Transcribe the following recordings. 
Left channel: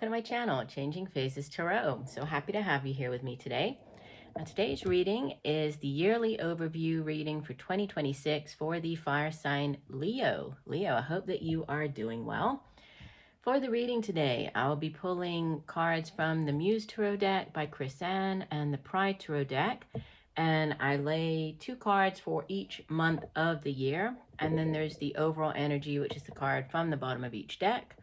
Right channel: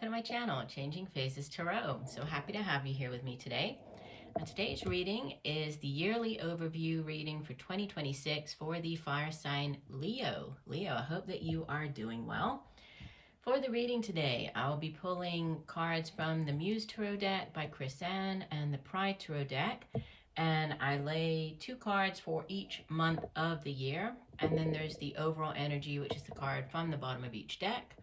welcome to my channel, Changing Phases Tarot. So happy to have you here with me today. Today's reading is the yearly overview reading for 2026 for the fire sign Leo. Leo, I hope that you are doing well. For the reading today, I'll be pulling cards from the Muse Tarot deck by Chris Ann and the Pride Tarot deck. And I lay 2 cards for each month of the year. And then there's the overall energy, which is the card from the bottom of each deck.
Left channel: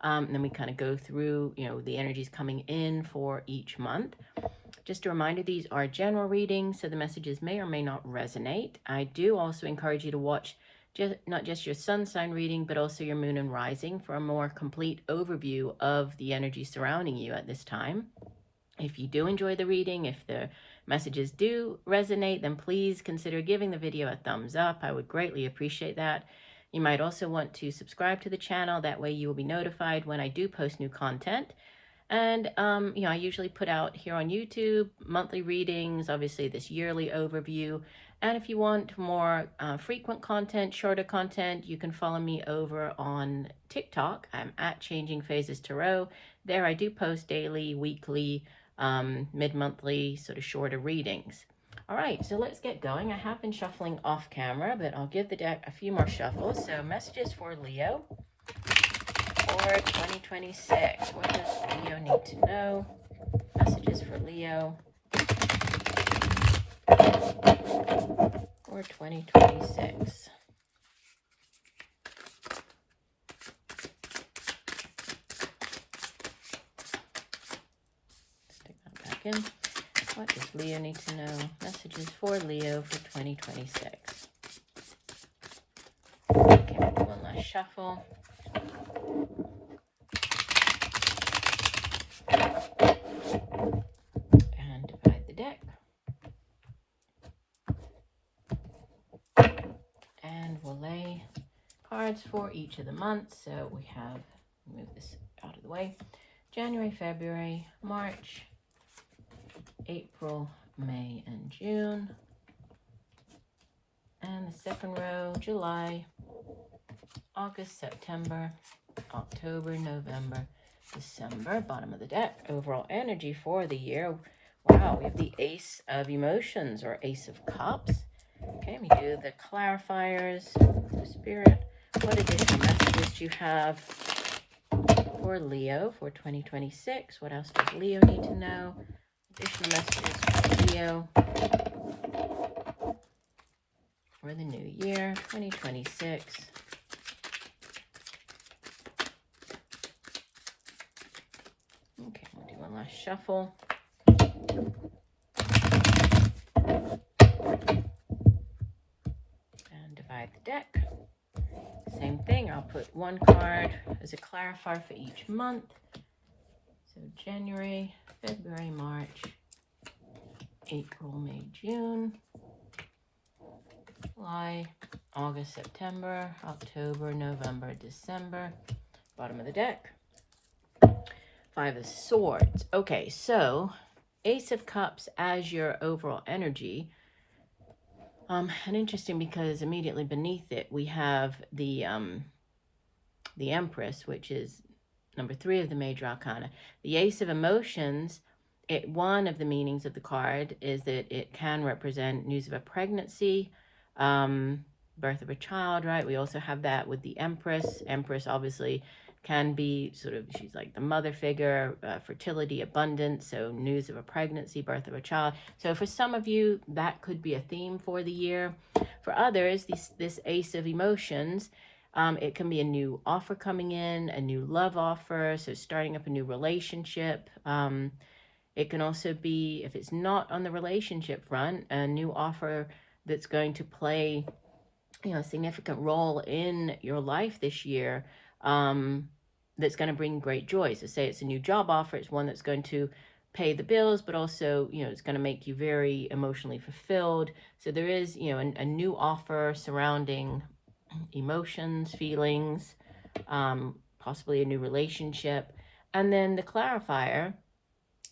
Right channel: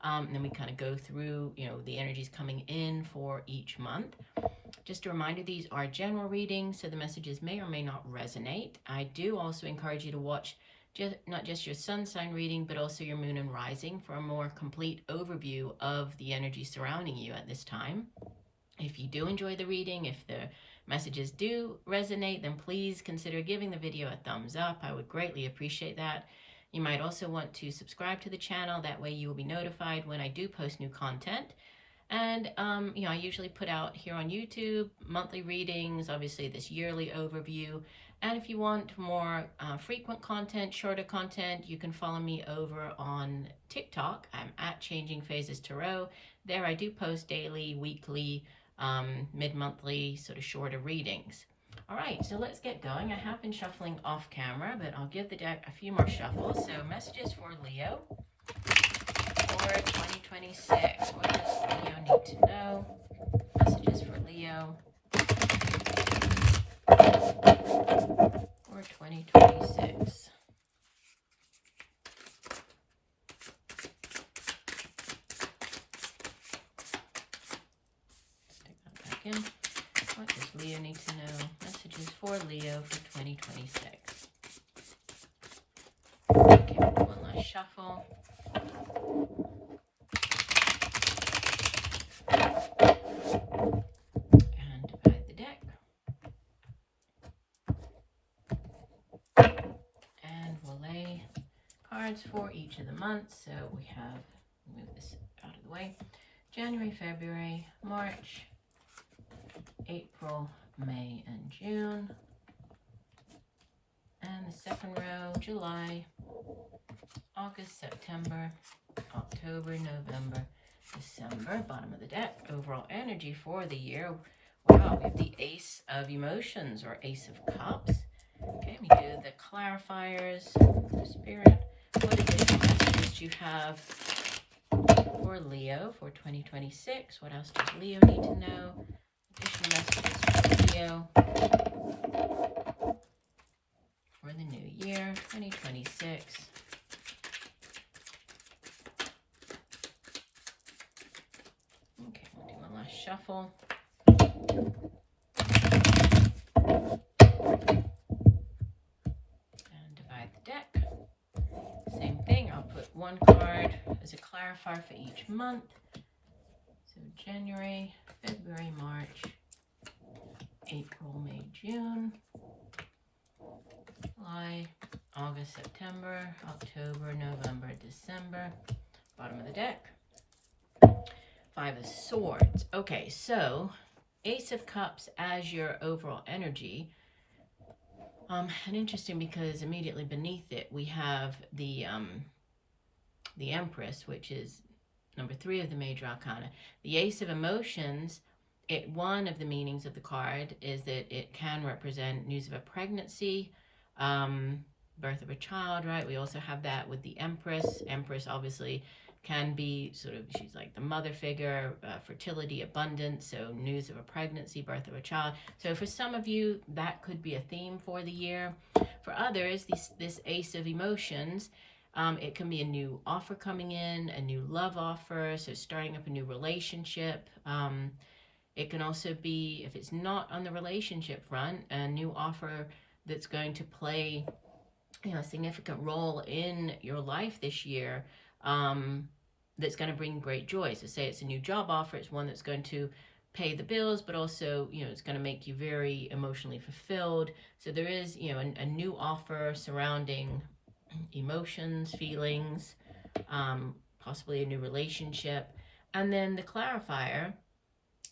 And then we kind of go through, the energies coming in for each month. Just a reminder, these are general readings, so the messages may or may not resonate. I do also encourage you to watch not just your sun sign reading, but also your moon and rising for a more complete overview of the energy surrounding you at this time. If you do enjoy the reading, if the messages do resonate, then please consider giving the video a thumbs up. I would greatly appreciate that. You might also want to subscribe to the channel. That way you will be notified when I do post new content. And, I usually put out here on YouTube monthly readings, obviously this yearly overview. And if you want more frequent content, shorter content, you can follow me over on TikTok. I'm at Changing Phases Tarot. There I do post daily, weekly, mid-monthly, sort of shorter readings. All right, so let's get going. I have been shuffling off camera, but I'll give the deck a few more shuffles. So messages for Leo for 2026. What does Leo need to know? Messages for Leo for 2026. Stick that back in. What does Leo need to know? Messages for Leo for 2026. Okay, one last shuffle. And divide the deck. And we'll lay cards for each of the months. So we have, move this out of the way, January, February, March, April, May, and June. And the second row, July, August, September, October, November, December. Bottom of the deck, overall energy for the year. Wow, we have the Ace of Emotions or Ace of Cups. Okay, we do the clarifiers, the Spirit. What additional messages do you have for Leo for 2026? What else does Leo need to know? Additional messages for Leo for the new year, 2026. Okay, we'll do one last shuffle. And divide the deck. Same thing, I'll put one card as a clarifier for each month. So January, February, March, April, May, June, July, August, September, October, November, December. Bottom of the deck. 5 of Swords. Okay, so Ace of Cups as your overall energy. And interesting because immediately beneath it we have the Empress, which is number 3 of the major arcana. The Ace of Emotions, one of the meanings of the card is that it can represent news of a pregnancy, birth of a child, right? We also have that with the Empress. Empress obviously can be she's like the mother figure, fertility, abundance, so news of a pregnancy, birth of a child. So for some of you, that could be a theme for the year. For others, this Ace of Emotions, it can be a new offer coming in, a new love offer, so starting up a new relationship. It can also be, if it's not on the relationship front, a new offer that's going to play a significant role in your life this year, that's going to bring great joy. So say it's a new job offer, it's one that's going to pay the bills, but also, it's going to make you very emotionally fulfilled. So there is, a new offer surrounding emotions, feelings, possibly a new relationship. And then the clarifier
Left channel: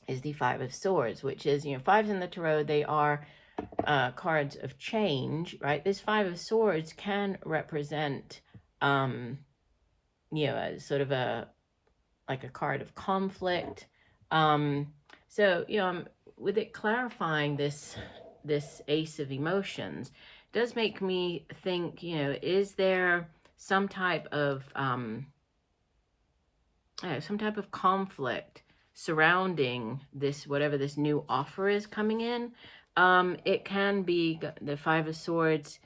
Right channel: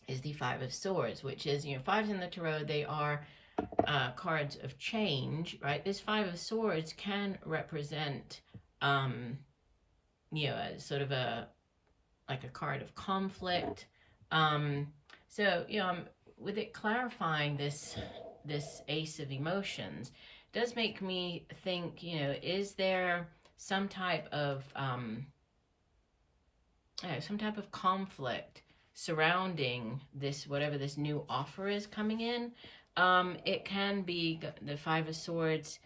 is the 5 of Swords, which is, 5s in the Tarot, they are cards of change, right? This 5 of Swords can represent, sort of a like a card of conflict. So, you know, with it clarifying this Ace of Emotions, does make me think, you know, is there some type of conflict surrounding this, whatever this new offer is coming in. It can be the Five of Swords.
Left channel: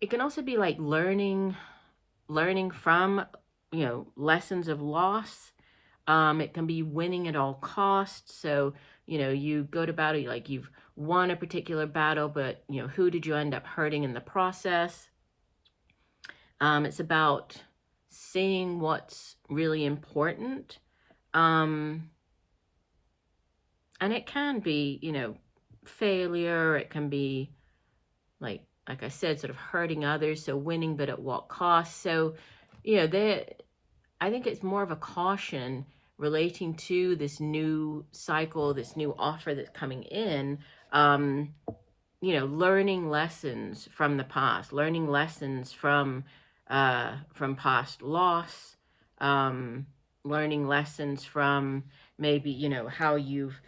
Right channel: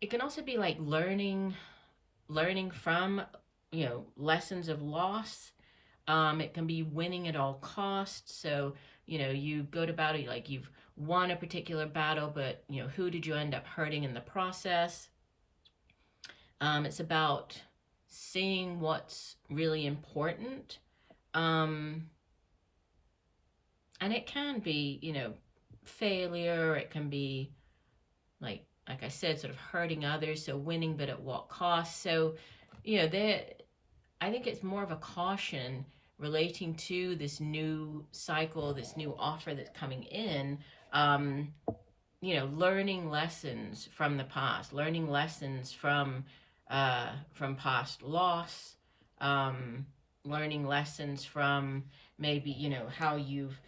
It can also be like learning from, you know, lessons of loss. It can be winning at all costs. So, you know, you go to battle, like you've won a particular battle, but, you know, who did you end up hurting in the process? It's about seeing what's really important. And it can be, you know, failure. It can be like I said, sort of hurting others. So winning, but at what cost? So, you know, I think it's more of a caution relating to this new cycle, this new offer that's coming in. You know, learning lessons from the past, learning lessons from past loss, learning lessons from maybe, you know, how you've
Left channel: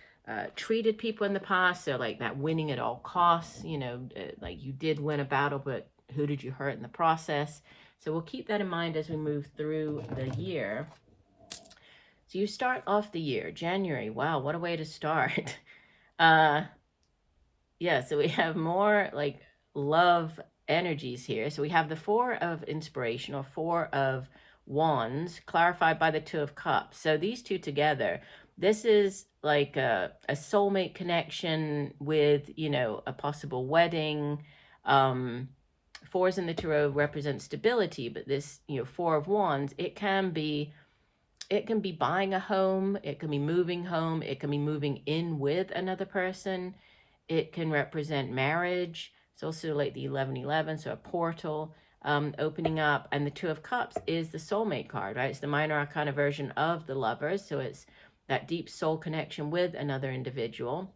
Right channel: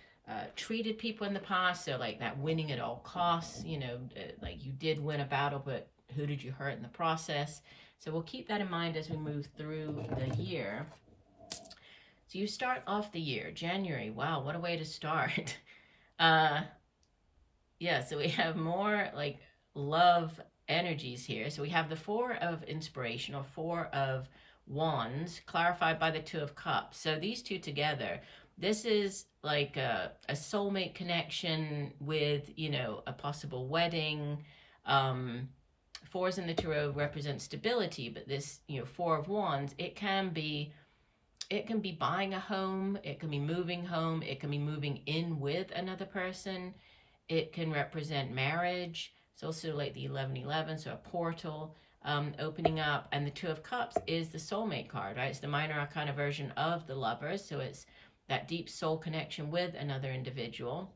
treated people in the past. So like that winning at all costs, you know, like you did win a battle, but who did you hurt in the process? So we'll keep that in mind as we move through the year. So you start off the year, January. Wow, what a way to start. Yeah, so we have more like love energies here. So we have the Four of Inspiration, or Four of Wands, clarified by the Two of Cups. So these two together, this is like a soulmate connection with, you know, a possible wedding. Fours in the Tarot represent stability, but this, you know, Four of Wands, it can be buying a home, it can be moving home, it can be moving in with another person. It can represent marriage. It's also like the 1111, so a portal opening up. And the Two of Cups is the soulmate card, right? It's the minor arcana version of the Lovers. So it's that deep soul connection with another individual.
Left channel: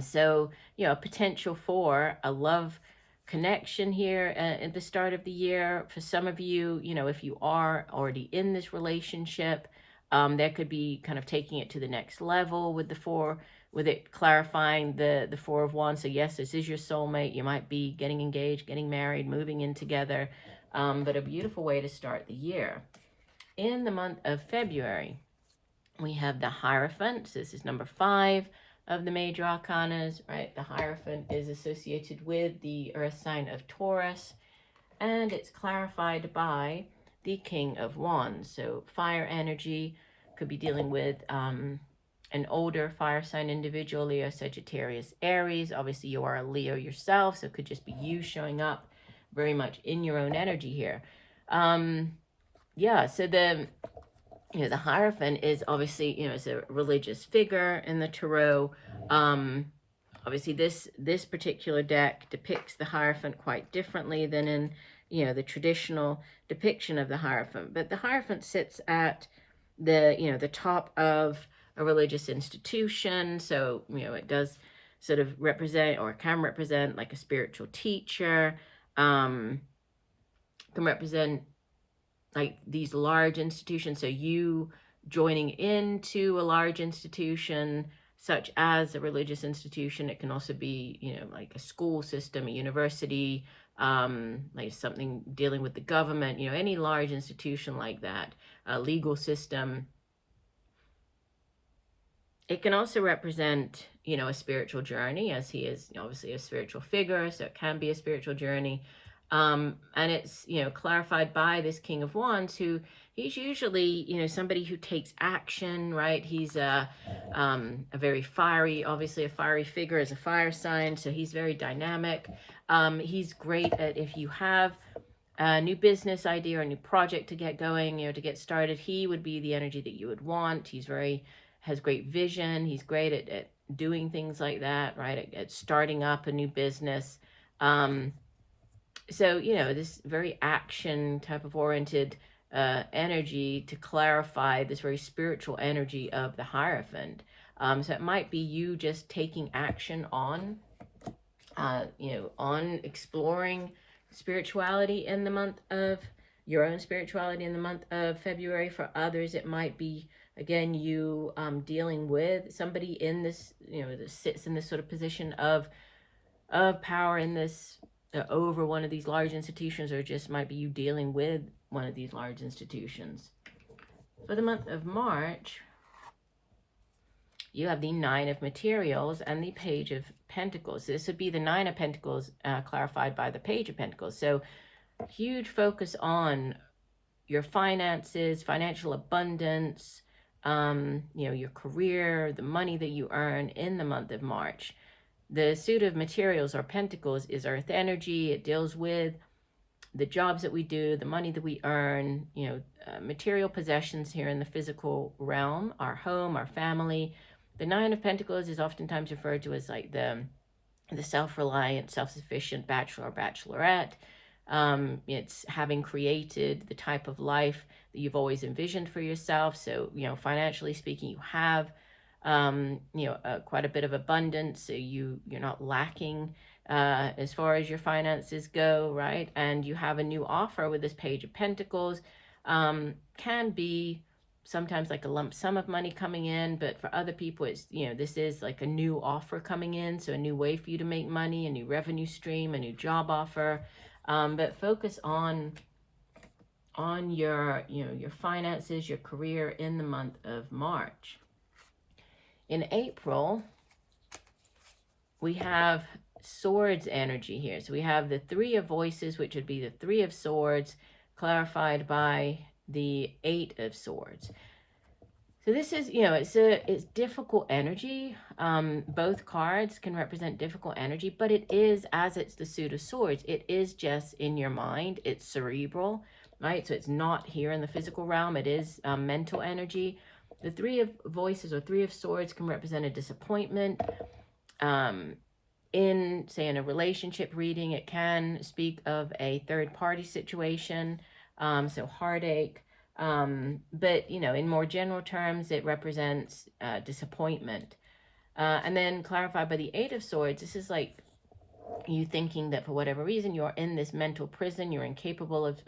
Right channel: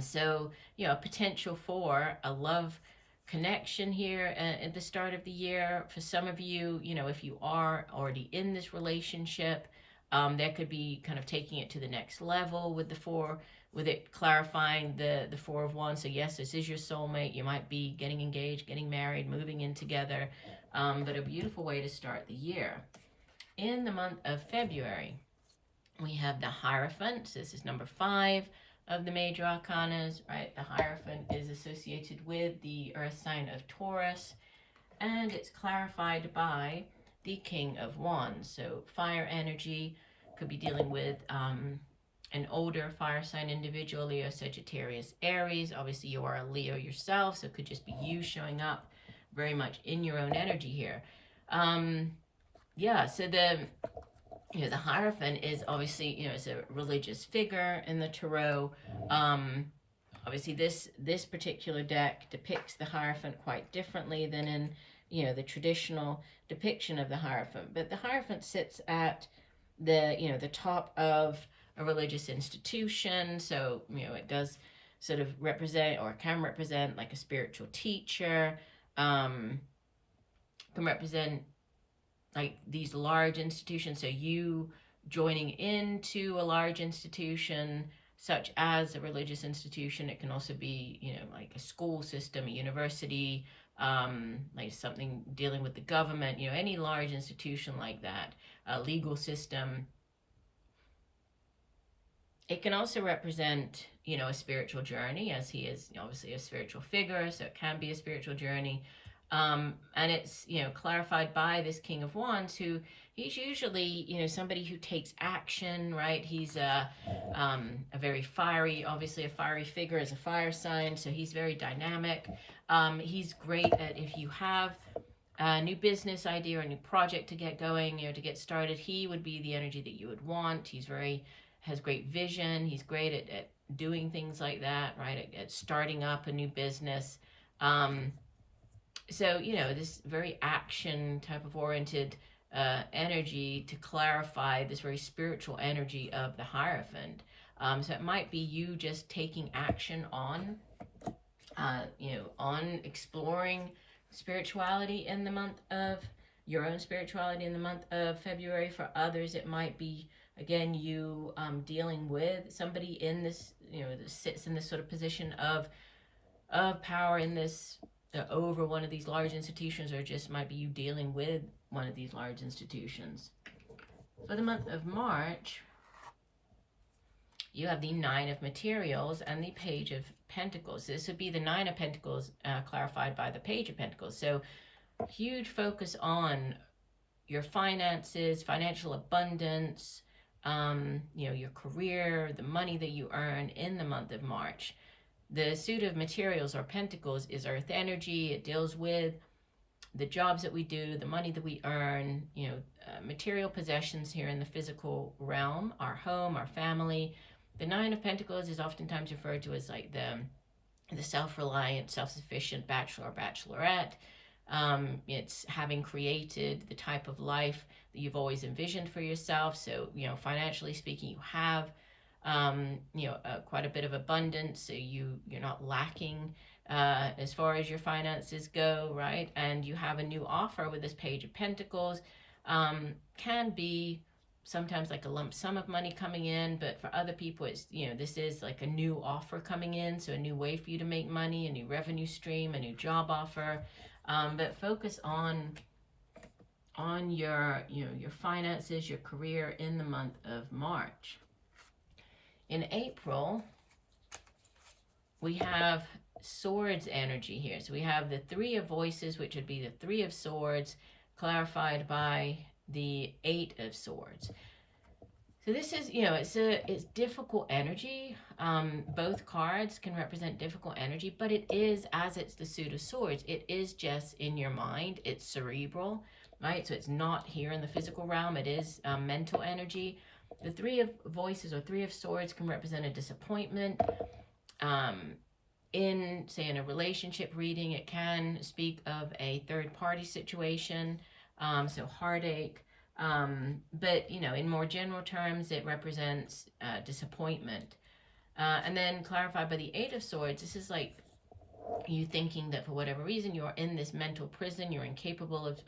So, you know, potential for a love connection here at the start of the year. For some of you, you know, if you are already in this relationship, that could be kind of taking it to the next level with the four, with it clarifying the Four of Wands. So yes, this is your soulmate. You might be getting engaged, getting married, moving in together, but a beautiful way to start the year. In the month of February, we have the Hierophant. So this is number 5 of the major arcanas, right? The Hierophant is associated with the earth sign of Taurus, and it's clarified by the King of Wands. So fire energy, could be dealing with an older fire sign individual, Leo, Sagittarius, Aries. Obviously, you are a Leo yourself, so it could just be you showing up very much in your own energy here. Yeah, so the Hierophant is obviously, you know, it's a religious figure in the Tarot. Obviously, this particular deck depicts the Hierophant quite differently than in, you know, the traditional depiction of the Hierophant. But the Hierophant sits at the, you know, the top of a religious institution. So, you know, it does sort of represent, or can represent, like a spiritual teacher, can represent like these large institutions. So you joining into a large institution such as a religious institution. It can also be, you know, like a school system, a university, like something dealing with the government, you know, any large institution like that, a legal system. It can also represent, you know, a spiritual journey, as he is obviously a spiritual figure, so it can be a spiritual journey. And it's, you know, clarified by this King of Wands, who he's usually, you know, somebody who takes action, right? He's a very fiery, obviously a fiery figure as a fire sign, so he's very dynamic. He's great at, if you have a new business idea or a new project to get going, you know, to get started, he would be the energy that you would want. He's has great vision. He's great at doing things like that, right? At starting up a new business. So, you know, this very action type of oriented energy to clarify this very spiritual energy of the Hierophant. So it might be you just taking action on, you know, on exploring spirituality in the month of your own spirituality in the month of February. For others, it might be, again, you dealing with somebody in this, that sits in this sort of position of power in this, over one of these large institutions, or just might be you dealing with one of these large institutions. For the month of March, you have the Nine of Materials and the Page of Pentacles. This would be the Nine of Pentacles clarified by the Page of Pentacles. So huge focus on your finances, financial abundance, your career, the money that you earn in the month of March. The suit of materials or pentacles is earth energy. It deals with the jobs that we do, the money that we earn, material possessions here in the physical realm, our home, our family. The Nine of Pentacles is oftentimes referred to as like the self-reliant, self-sufficient bachelor or bachelorette. It's having created the type of life that you've always envisioned for yourself. So, financially speaking, you have, quite a bit of abundance. So you're not lacking as far as your finances go, right? And you have a new offer with this Page of Pentacles. Can be sometimes like a lump sum of money coming in, but for other people, it's, this is like a new offer coming in. So a new way for you to make money, a new revenue stream, a new job offer. But focus on your, your finances, your career in the month of March. In April, we have Swords energy here. So we have the Three of Voices, which would be the Three of Swords, clarified by the Eight of Swords. So this is, it's difficult energy. Both cards can represent difficult energy, but it is, as it's the suit of swords, it is just in your mind. It's cerebral, right? So it's not here in the physical realm. It is mental energy. The Three of Voices or Three of Swords can represent a disappointment. In a relationship reading, it can speak of a third-party situation, so heartache. But, in more general terms, it represents disappointment. And then clarified by the Eight of Swords, this is like you thinking that for whatever reason, you're in this mental prison, you're incapable of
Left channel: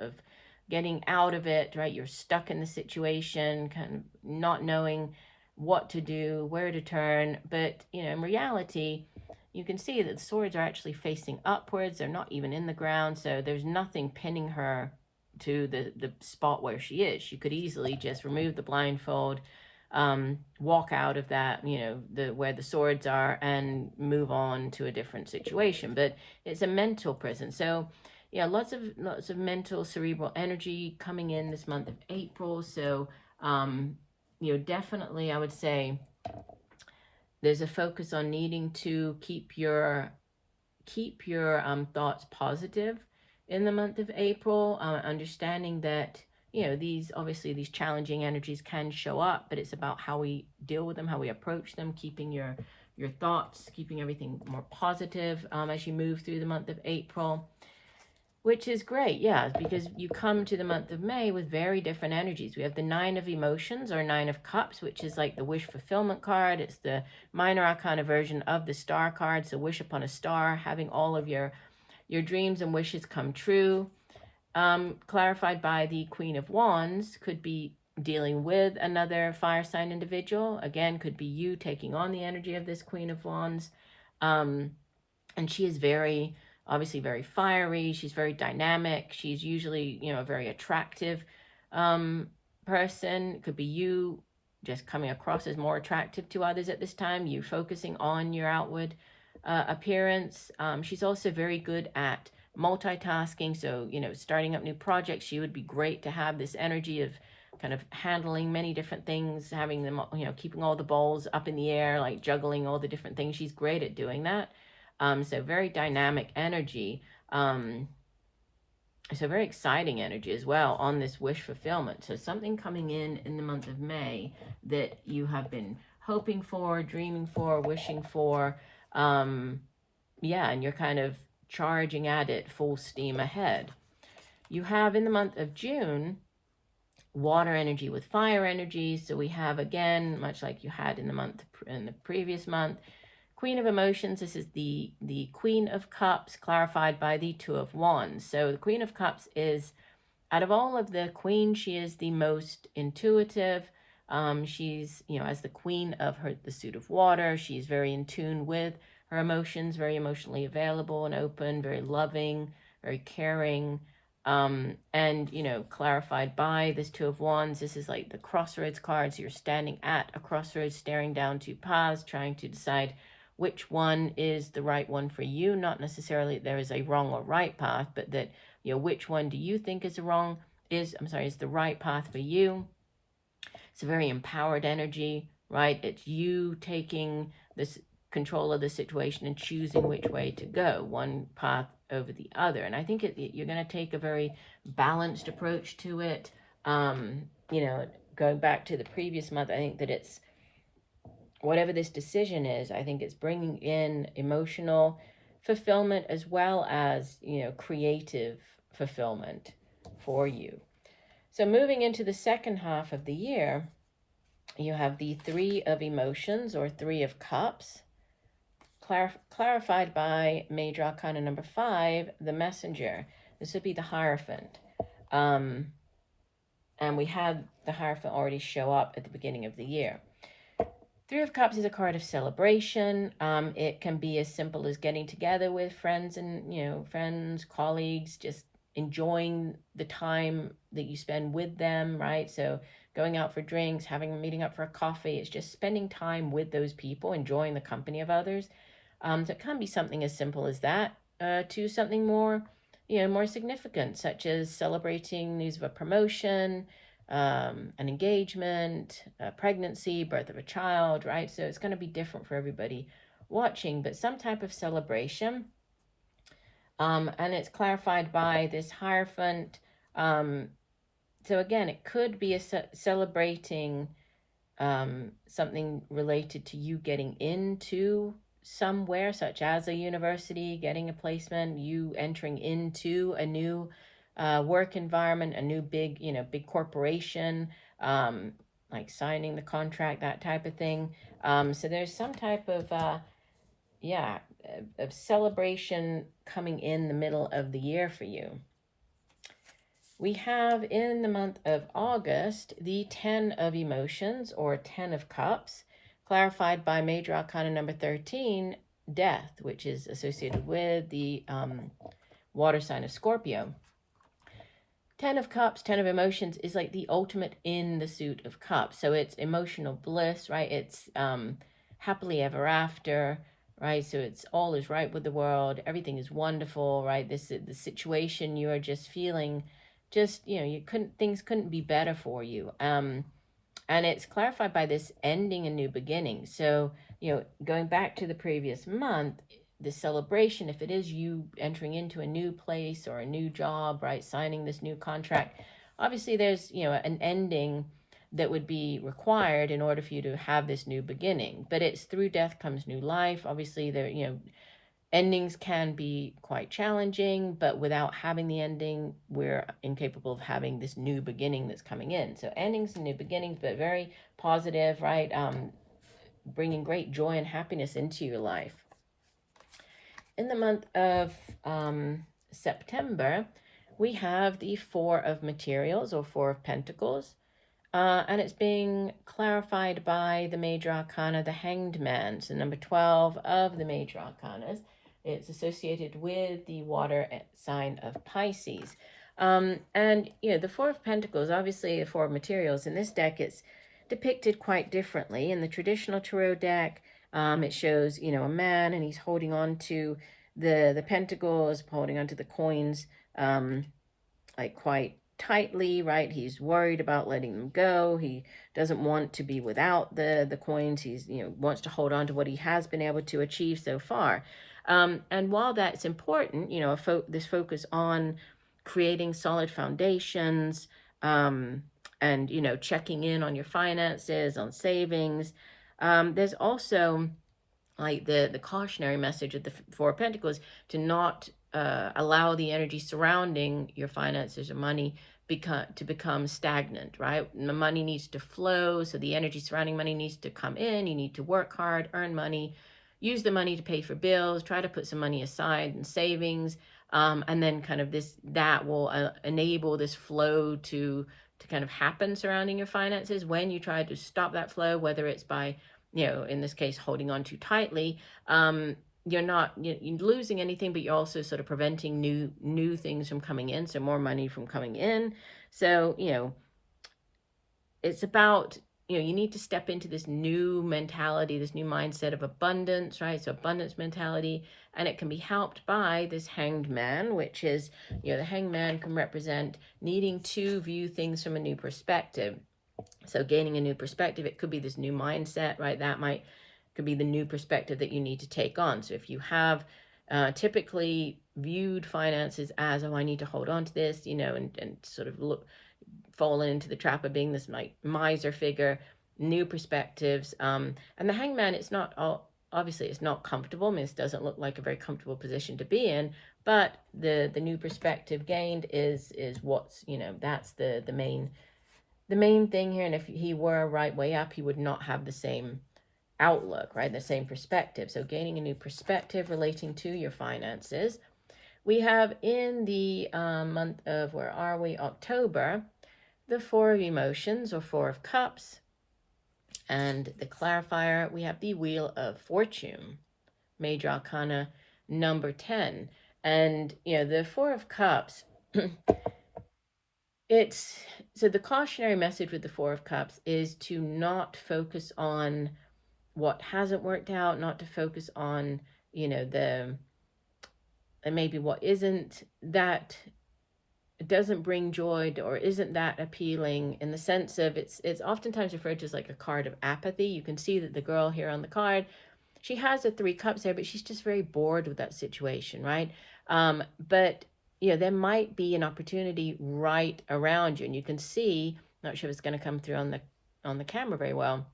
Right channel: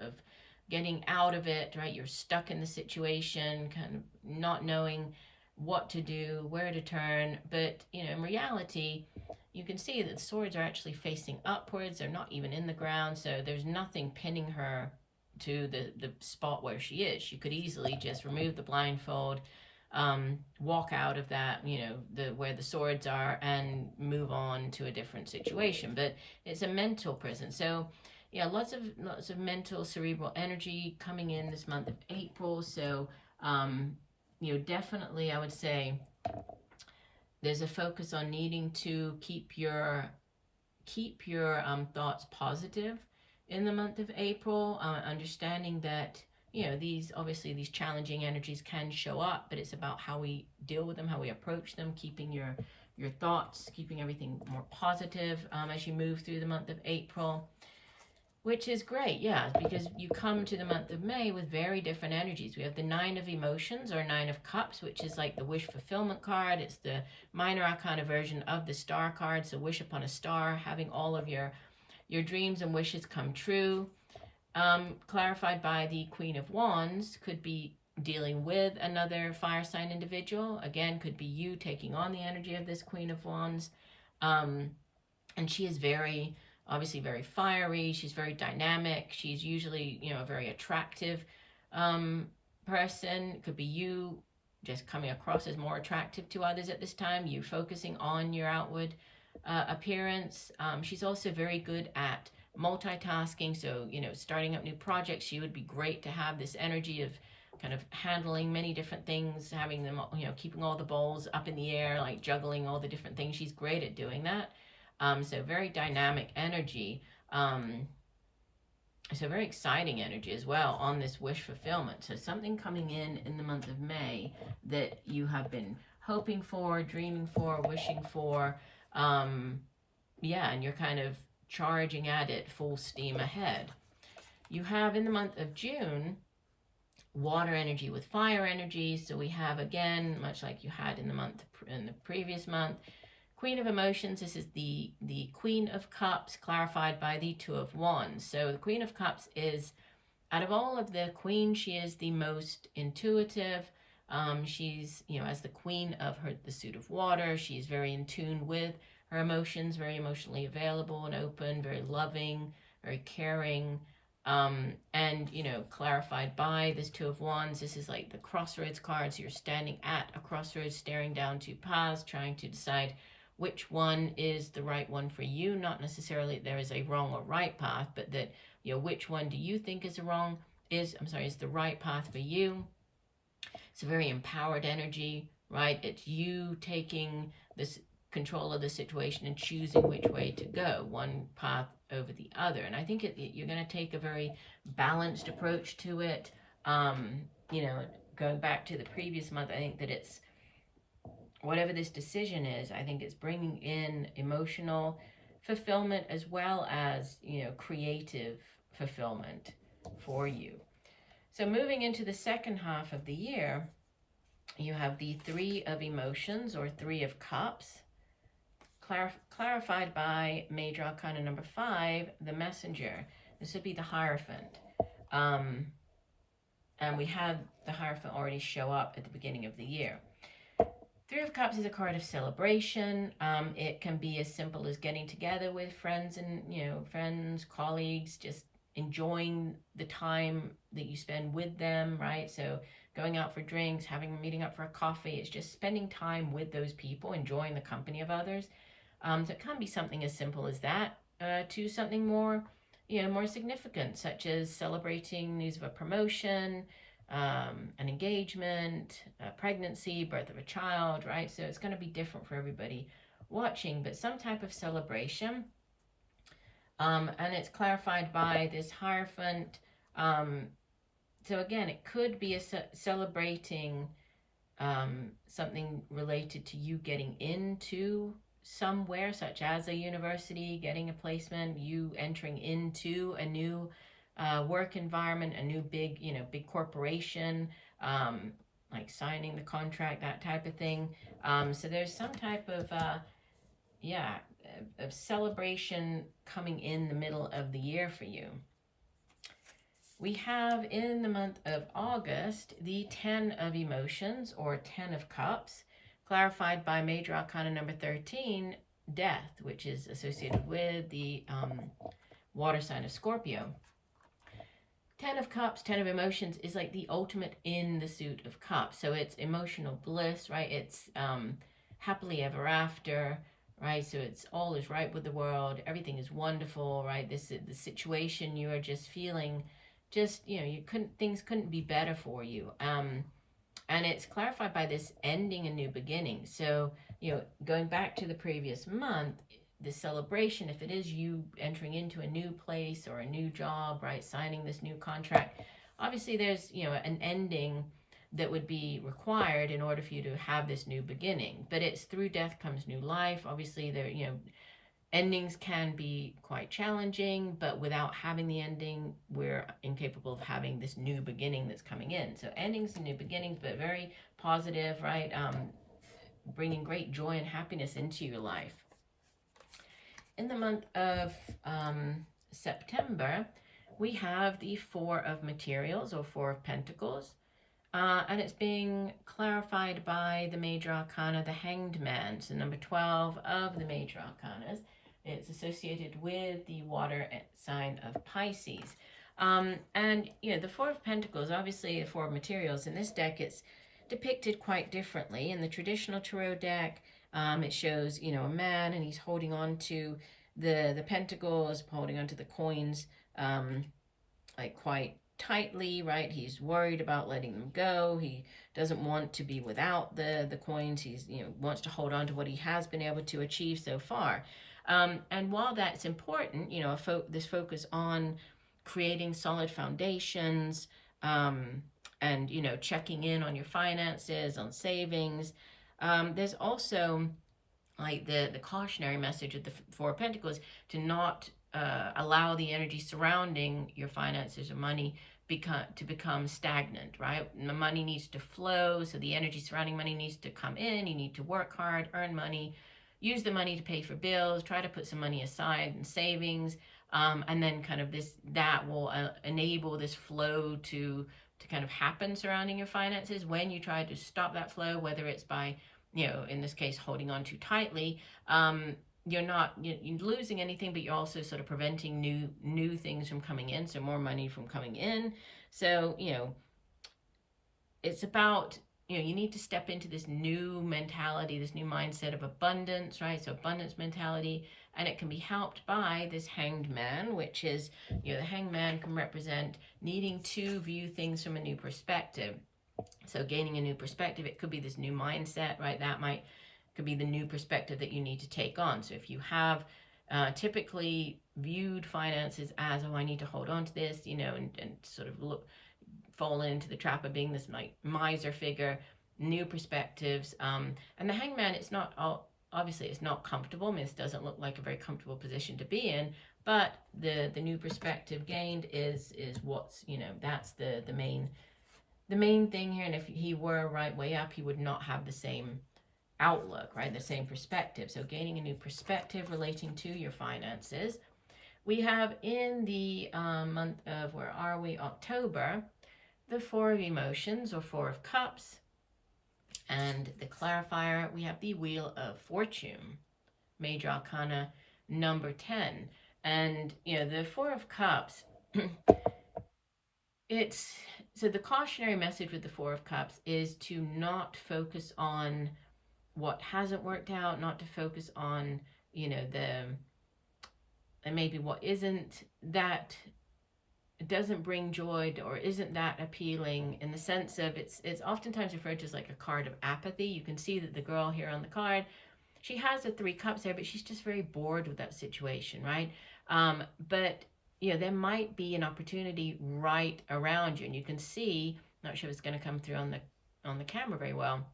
getting out of it, right? You're stuck in the situation, kind of not knowing what to do, where to turn. But, in reality, you can see that the swords are actually facing upwards. They're not even in the ground. So there's nothing pinning her to the spot where she is. She could easily just remove the blindfold, walk out of that, where the swords are, and move on to a different situation. But it's a mental prison. So yeah, lots of mental cerebral energy coming in this month of April. So definitely I would say there's a focus on needing to keep your thoughts positive in the month of April, understanding that, these challenging energies can show up, but it's about how we deal with them, how we approach them, keeping your thoughts, keeping everything more positive as you move through the month of April, which is great, yeah, because you come to the month of May with very different energies. We have the Nine of Emotions or Nine of Cups, which is like the wish fulfillment card. It's the minor arcana version of the star card, so wish upon a star, having all of your dreams and wishes come true. Clarified by the Queen of Wands, could be dealing with another fire sign individual. Again, could be you taking on the energy of this Queen of Wands. And she is obviously very fiery. She's very dynamic. She's usually, a very attractive person. Could be you just coming across as more attractive to others at this time. You focusing on your outward appearance. She's also very good at multitasking. So, starting up new projects, she would be great to have this energy of kind of handling many different things, having them, keeping all the balls up in the air, like juggling all the different things. She's great at doing that. So very dynamic energy. So very exciting energy as well on this wish fulfillment. So something coming in the month of May that you have been hoping for, dreaming for, wishing for. And you're kind of charging at it full steam ahead. You have in the month of June, water energy with fire energy. So we have, again, much like you had in the previous month, Queen of Emotions. This is the Queen of Cups, clarified by the Two of Wands. So the Queen of Cups is out of all of the queens, she is the most intuitive. She's, as the queen of the suit of water, she's very in tune with her emotions, very emotionally available and open, very loving, very caring. And, clarified by this Two of Wands. This is like the crossroads cards. You're standing at a crossroads, staring down two paths, trying to decide which one is the right one for you. Not necessarily there is a wrong or right path, but that, which one do you think is the right path for you. It's a very empowered energy, right? It's you taking this control of the situation and choosing which way to go, one path over the other. And I think you're going to take a very balanced approach to it. Going back to the previous month, I think that it's, whatever this decision is, I think it's bringing in emotional fulfillment as well as, creative fulfillment for you. So moving into the second half of the year, you have the Three of Emotions, or Three of Cups, clarified by Major Arcana number 5, the Messenger. This would be the Hierophant. And we had the Hierophant already show up at the beginning of the year. Three of Cups is a card of celebration. It can be as simple as getting together with friends and, friends, colleagues, just enjoying the time that you spend with them, right? So going out for drinks, meeting up for a coffee, it's just spending time with those people, enjoying the company of others. So it can be something as simple as that, to something more, more significant, such as celebrating news of a promotion, an engagement, a pregnancy, birth of a child, right? So it's going to be different for everybody watching, but some type of celebration. And it's clarified by this Hierophant. So again, it could be celebrating something related to you getting into somewhere, such as a university, getting a placement, you entering into a new work environment, a new big corporation, like signing the contract, that type of thing. So there's some type of of celebration coming in the middle of the year for you. We have in the month of August the 10 of Emotions, or 10 of Cups, clarified by Major Arcana number 13, Death, which is associated with the water sign of Scorpio. 10 of Cups, 10 of Emotions is like the ultimate in the suit of Cups. So it's emotional bliss, right? It's happily ever after, right? So it's all is right with the world. Everything is wonderful, right? This is the situation you are just feeling, just, things couldn't be better for you. And it's clarified by this ending a new beginning. So, going back to the previous month, the celebration, if it is you entering into a new place or a new job, right, signing this new contract, obviously there's, an ending that would be required in order for you to have this new beginning. But it's through death comes new life. Obviously, there, endings can be quite challenging, but without having the ending, we're incapable of having this new beginning that's coming in. So endings and new beginnings, but very positive, right? Bringing great joy and happiness into your life. In the month of September, we have the Four of Materials, or Four of Pentacles. And it's being clarified by the Major Arcana, the Hanged Man. So number 12 of the Major Arcanas. It's associated with the water sign of Pisces. And, the Four of Pentacles, obviously the Four of Materials. In this deck, it's depicted quite differently. In the traditional tarot deck, it shows, a man, and he's holding on to the pentacles, holding on to the coins, like quite tightly, right? He's worried about letting them go. He doesn't want to be without the coins. He's, wants to hold on to what he has been able to achieve so far. And while that's important, this focus on creating solid foundations, and, checking in on your finances, on savings, there's also like the cautionary message of the Four of Pentacles to not allow the energy surrounding your finances or money to become stagnant, right? The money needs to flow, so the energy surrounding money needs to come in. You need to work hard, earn money, use the money to pay for bills, try to put some money aside in savings, And then kind of that will enable this flow to kind of happen surrounding your finances. When you try to stop that flow, whether it's by, in this case, holding on too tightly, you're not you're losing anything, but you're also sort of preventing new things from coming in, so more money from coming in. So, it's about, you need to step into this new mentality, this new mindset of abundance, right? So abundance mentality, and it can be helped by this Hanged Man, which is, the Hanged Man can represent needing to view things from a new perspective. So gaining a new perspective, it could be this new mindset, right? That could be the new perspective that you need to take on. So if you have typically viewed finances as, oh, I need to hold on to this, and sort of fall into the trap of being this miser figure, new perspectives. And the Hangman, it's not obviously it's not comfortable. This doesn't look like a very comfortable position to be in, but the new perspective gained is what's, that's the main thing here. And if he were right way up, he would not have the same outlook, right? The same perspective. So gaining a new perspective relating to your finances. We have in the month of, where are we? October, the Four of Emotions, or Four of Cups. And the clarifier, we have the Wheel of Fortune, Major Arcana number 10. And, the Four of Cups, so the cautionary message with the Four of Cups is to not focus on what hasn't worked out, not to focus on, and maybe what isn't, that it doesn't bring joy or isn't that appealing, in the sense of it's oftentimes referred to as like a card of apathy. You can see that the girl here on the card, she has the Three Cups there, but she's just very bored with that situation, right? But there might be an opportunity right around you, and you can see, not sure if it's going to come through on the camera very well,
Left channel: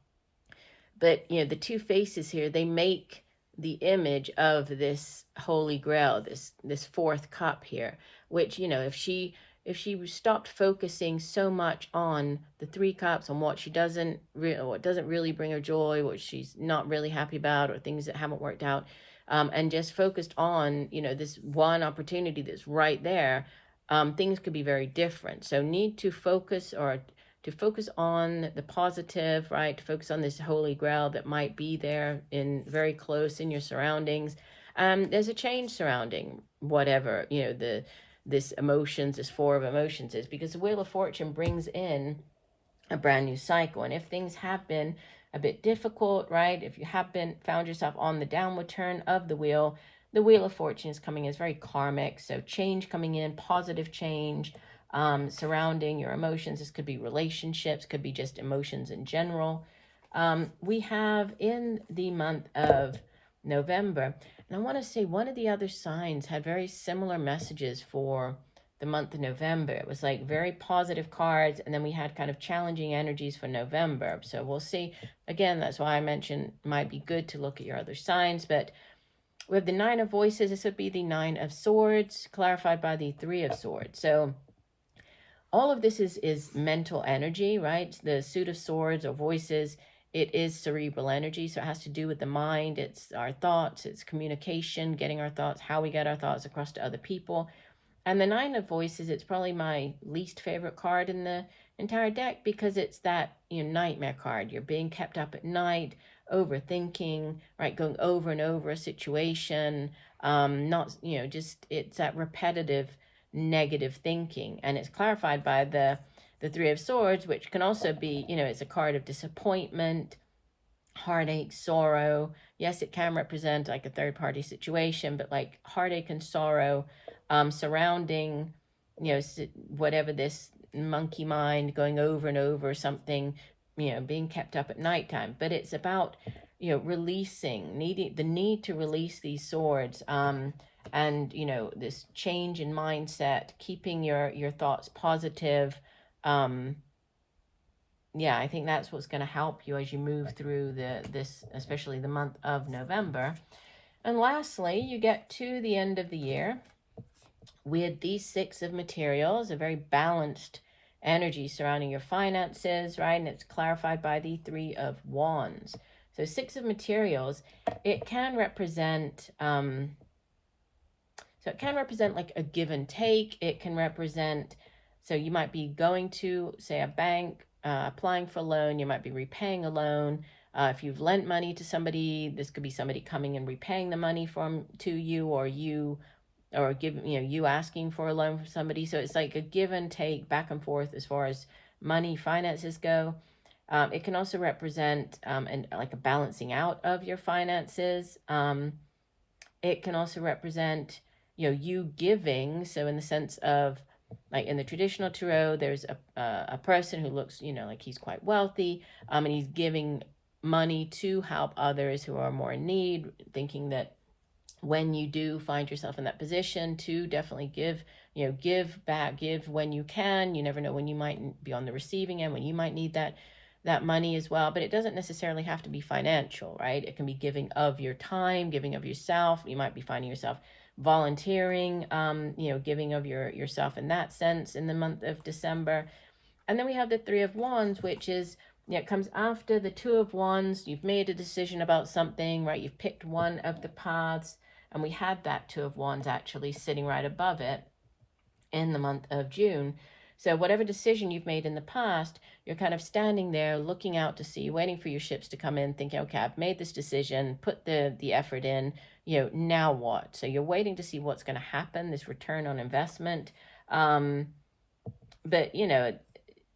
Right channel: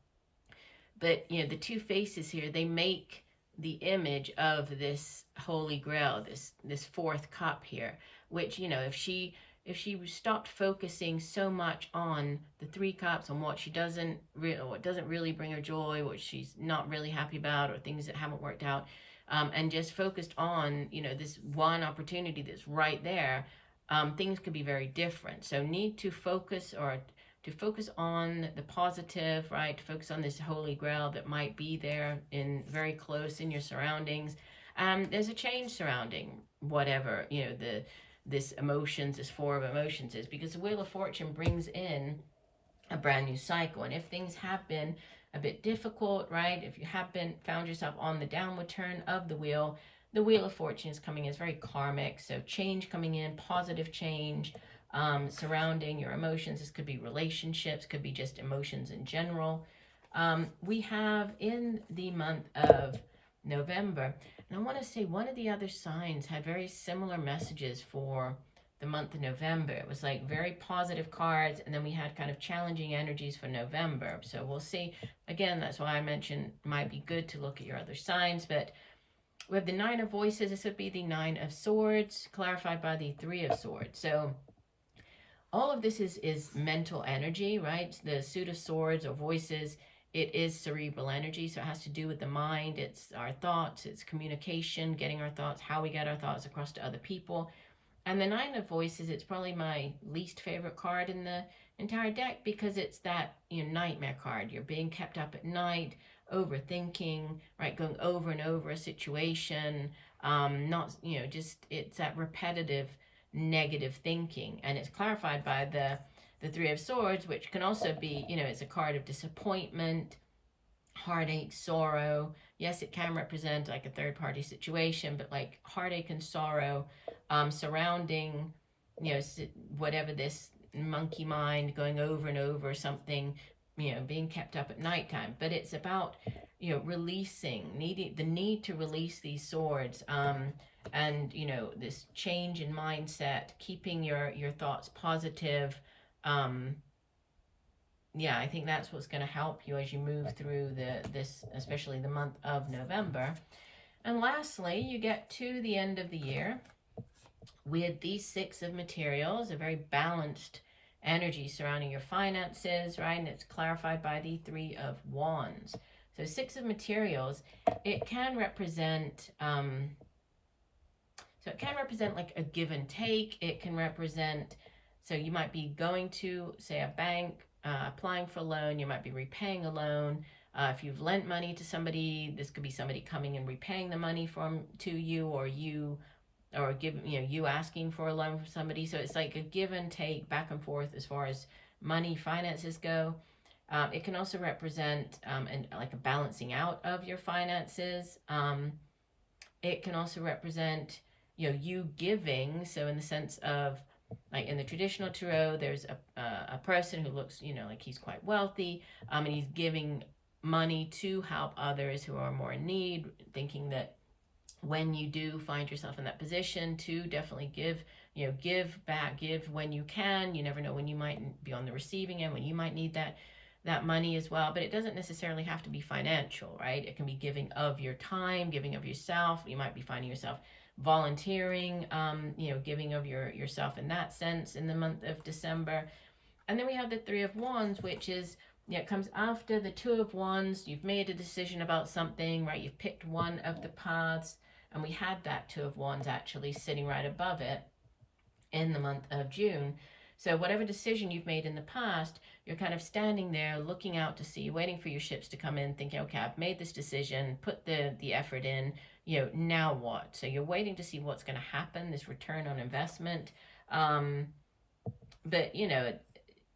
but the two faces here, they make the image of this Holy Grail, this fourth cup here, which, if she stopped focusing so much on the Three Cups, on what doesn't really bring her joy, what she's not really happy about, or things that haven't worked out, and just focused on, this one opportunity that's right there, things could be very different. So need to focus, or to focus on the positive, right? To focus on this Holy Grail that might be there very close in your surroundings. There's a change surrounding whatever, this emotions, this Four of Emotions is, because the Wheel of Fortune brings in a brand new cycle. And if things have been a bit difficult, right? If you have found yourself on the downward turn of the Wheel of Fortune is coming as very karmic. So change coming in, positive change, surrounding your emotions. This could be relationships, could be just emotions in general. We have in the month of November, and I want to say one of the other signs had very similar messages for the month of November. It was like very positive cards, and then we had kind of challenging energies for November. So we'll see. Again, that's why I mentioned it might be good to look at your other signs. But we have the Nine of Voices. This would be the Nine of Swords, clarified by the Three of Swords. So all of this is mental energy, right? The Suit of Swords, or Voices, it is cerebral energy. So it has to do with the mind. It's our thoughts, it's communication, getting our thoughts, how we get our thoughts across to other people. And the Nine of Voices, it's probably my least favorite card in the entire deck, because it's that nightmare card. You're being kept up at night, overthinking, right? Going over and over a situation, not, just, it's that repetitive negative thinking. And it's clarified by the Three of Swords, which can also be, it's a card of disappointment, heartache, sorrow. Yes, it can represent like a third-party situation, but like heartache and sorrow surrounding, whatever this monkey mind going over and over something, being kept up at nighttime. But it's about, releasing, the need to release these swords, and, this change in mindset, keeping your thoughts positive. Yeah, I think that's what's going to help you as you move through this, especially the month of November. And lastly, you get to the end of the year with these Six of Materials, a very balanced energy surrounding your finances, right? And it's clarified by the Three of Wands. So Six of Materials, it can represent, so So it can represent like a give and take. It can represent, so you might be going to, say, a bank, applying for a loan. You might be repaying a loan. If you've lent money to somebody, this could be somebody coming and repaying the money to you, or you asking for a loan from somebody. So it's like a give and take, back and forth as far as money, finances go. It can also represent like a balancing out of your finances. It can also represent, you giving. So in the sense of, like in the traditional tarot, there's a person who looks, like he's quite wealthy, and he's giving money to help others who are more in need, thinking that when you do find yourself in that position, to definitely give back, give when you can. You never know when you might be on the receiving end, when you might need that money as well. But it doesn't necessarily have to be financial, right? It can be giving of your time, giving of yourself. You might be finding yourself volunteering, giving of yourself in that sense in the month of December. And then we have the Three of Wands, which is, it comes after the Two of Wands. You've made a decision about something, right? You've picked one of the paths, and we had that Two of Wands actually sitting right above it in the month of June. So whatever decision you've made in the past, you're kind of standing there looking out to sea, waiting for your ships to come in, thinking, okay, I've made this decision, put the effort in, now what? So you're waiting to see what's going to happen, this return on investment. But, and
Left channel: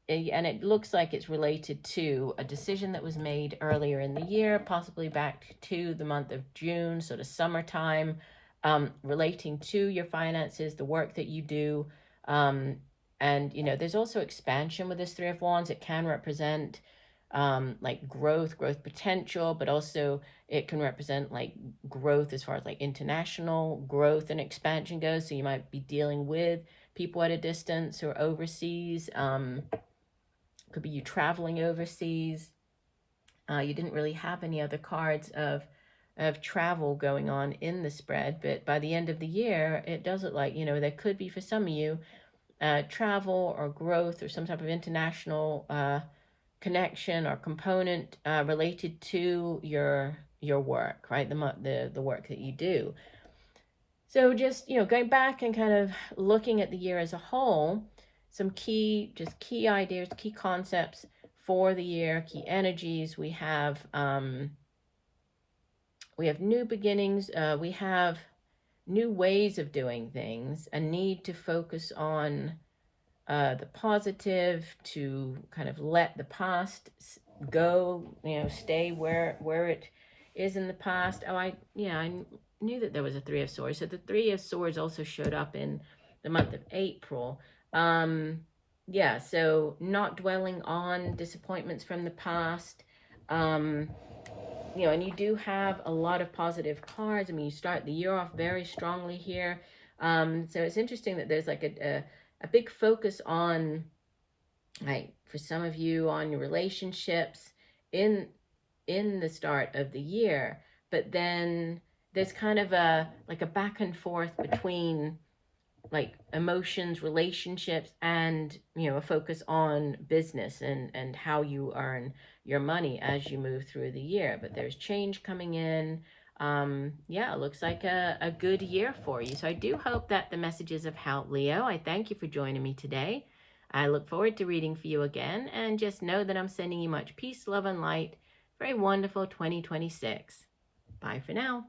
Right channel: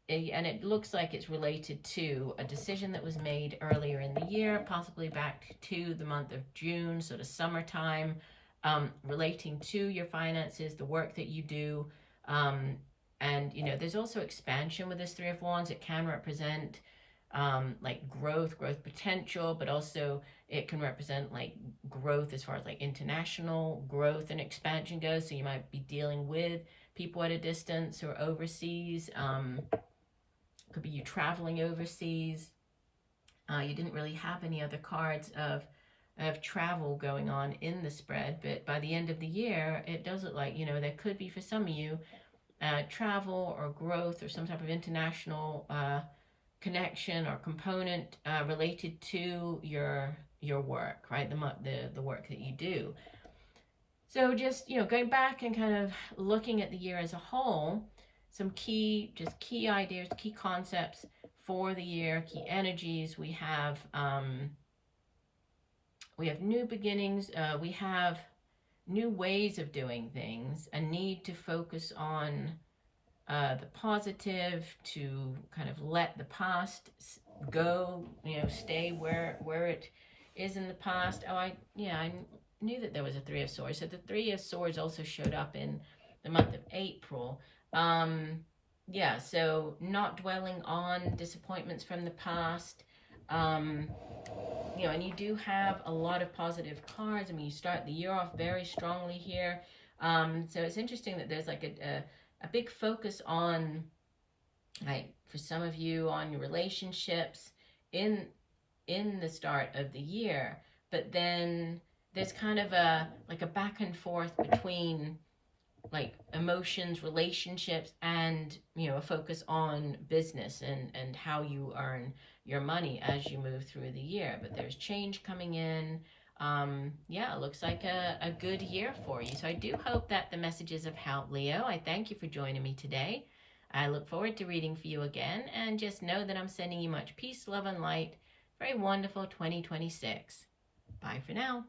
it looks like it's related to a decision that was made earlier in the year, possibly back to the month of June, sort of summertime, relating to your finances, the work that you do. And, there's also expansion with this Three of Wands. It can represent like growth potential, but also it can represent like growth as far as like international growth and expansion goes. So you might be dealing with people at a distance or overseas. Could be you traveling overseas. You didn't really have any other cards of travel going on in the spread, but by the end of the year, it does look like, there could be for some of you travel or growth or some type of international connection or component related to your work, right? The work that you do. So just, going back and kind of looking at the year as a whole, some key ideas, key concepts for the year, key energies. We have new beginnings. We have new ways of doing things, a need to focus on the positive, to kind of let the past go, stay where it is in the past. Oh, I knew that there was a Three of Swords. So the Three of Swords also showed up in the month of April. So not dwelling on disappointments from the past. And you do have a lot of positive cards. I mean, you start the year off very strongly here. So it's interesting that there's like a big focus on, like, for some of you, on your relationships in the start of the year. But then there's kind of a back and forth between like emotions, relationships, and a focus on business and how you earn your money as you move through the year. But there's change coming in. It looks like a good year for you. So I do hope that the messages have helped, Leo. I thank you for joining me today. I look forward to reading for you again, and just know that I'm sending you much peace, love, and light for a wonderful 2026. Bye for now.